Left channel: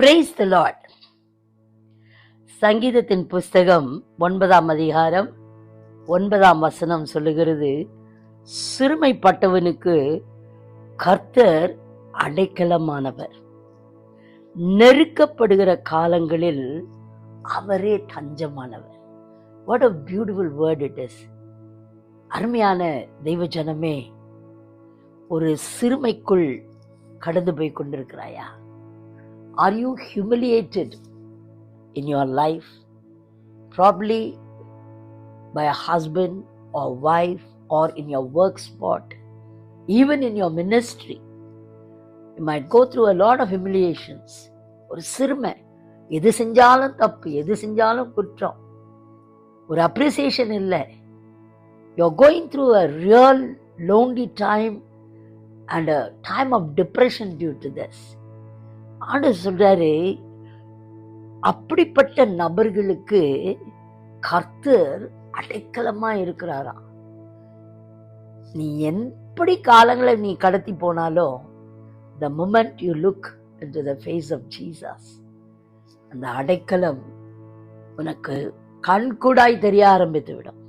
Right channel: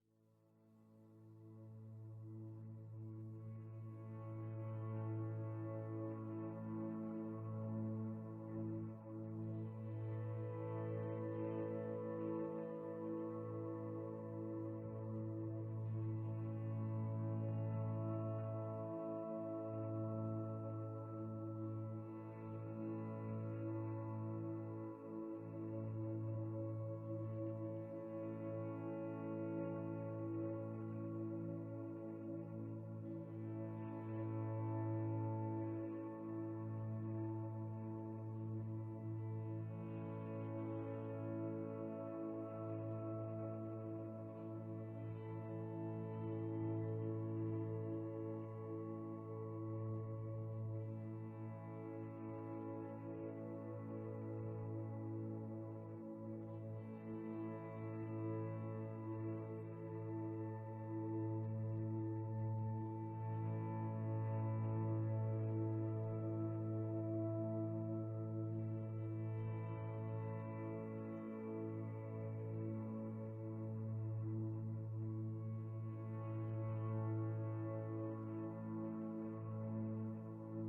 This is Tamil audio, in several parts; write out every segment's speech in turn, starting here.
Praise the Lord. சங்கீதத்தின் புஸ்தகம் 9ஆம் அதிகாரம் 9ஆம் வசனம் சொல்லுகிறது, சிறுமைப்பட்டவனுக்கு கர்த்தர் அடைக்கலமானவர், நெருக்கப்படுகிற காலங்களில் அவரே தஞ்சமானவர். What a beautiful word it is. அருமையான தெய்வ ஜனமே, ஒரு சிறுமைக்குள் கடந்து போய் கொண்டிருக்கிறாயா? Are you humiliated in your life? Probably by a husband or wife or in your work spot, even in your ministry. You might go through a lot of humiliations. ஒரு சிறுமை, எது செஞ்சாலும் தப்பு, எது செஞ்சாலும் குற்றம், ஒரு அப்ரிசியேஷன் இல்லை. You're going through a real lonely time and a time of depression due to this. ஆண்டவர் சொல்றாரு, அப்படிப்பட்ட நபர்களுக்கு கர்த்தர் அடைக்கலமா இருக்கிறாராம். நீ எப்படி காலங்களை நீ கடத்தி போனாலும், the moment you look into the face of Jesus, அந்த அடைக்கலம் உனக்கு கண்கூடாய் தெரிய ஆரம்பித்து விடும்.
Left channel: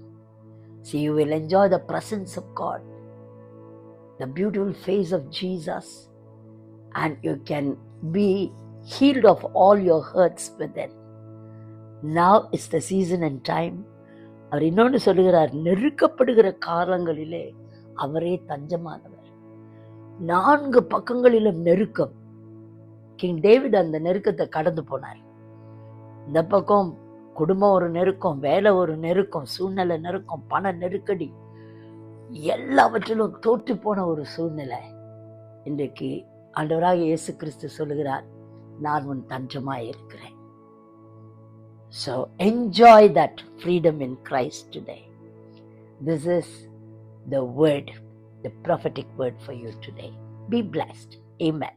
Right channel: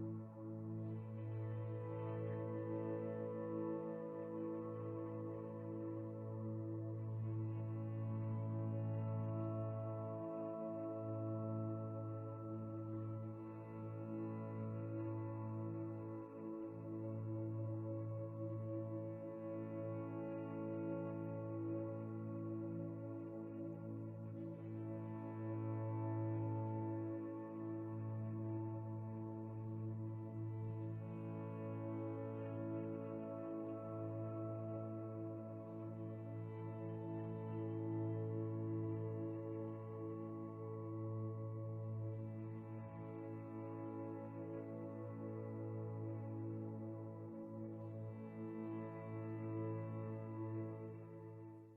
See, you will enjoy the presence of God, the beautiful face of Jesus, and you can be healed of all your hurts within. Now is the season and time. அவர் இன்னொன்று சொல்லுகிறார், நெருக்கப்படுகிற காலங்களிலே அவரே தஞ்சமானவர். 4 பக்கங்களிலும் நெருக்கம். கிங் டேவிட் அந்த நெருக்கத்தை கடந்து போனார். இந்த பக்கம் குடும்பம் ஒரு நெருக்கம், வேலை ஒரு நெருக்கம், சூழ்நிலை நெருக்கம், பண நெருக்கடி, எல்லாவற்றிலும் தோற்று போன ஒரு சூழ்நிலை. இன்றைக்கு ஆண்டவராக இயேசு கிறிஸ்து சொல்லுகிறார், நான் உன் தஞ்சமாய் இருக்கிறேன். So enjoy that freedom in Christ today. This is the word, the prophetic word for you today. Be blessed. Amen.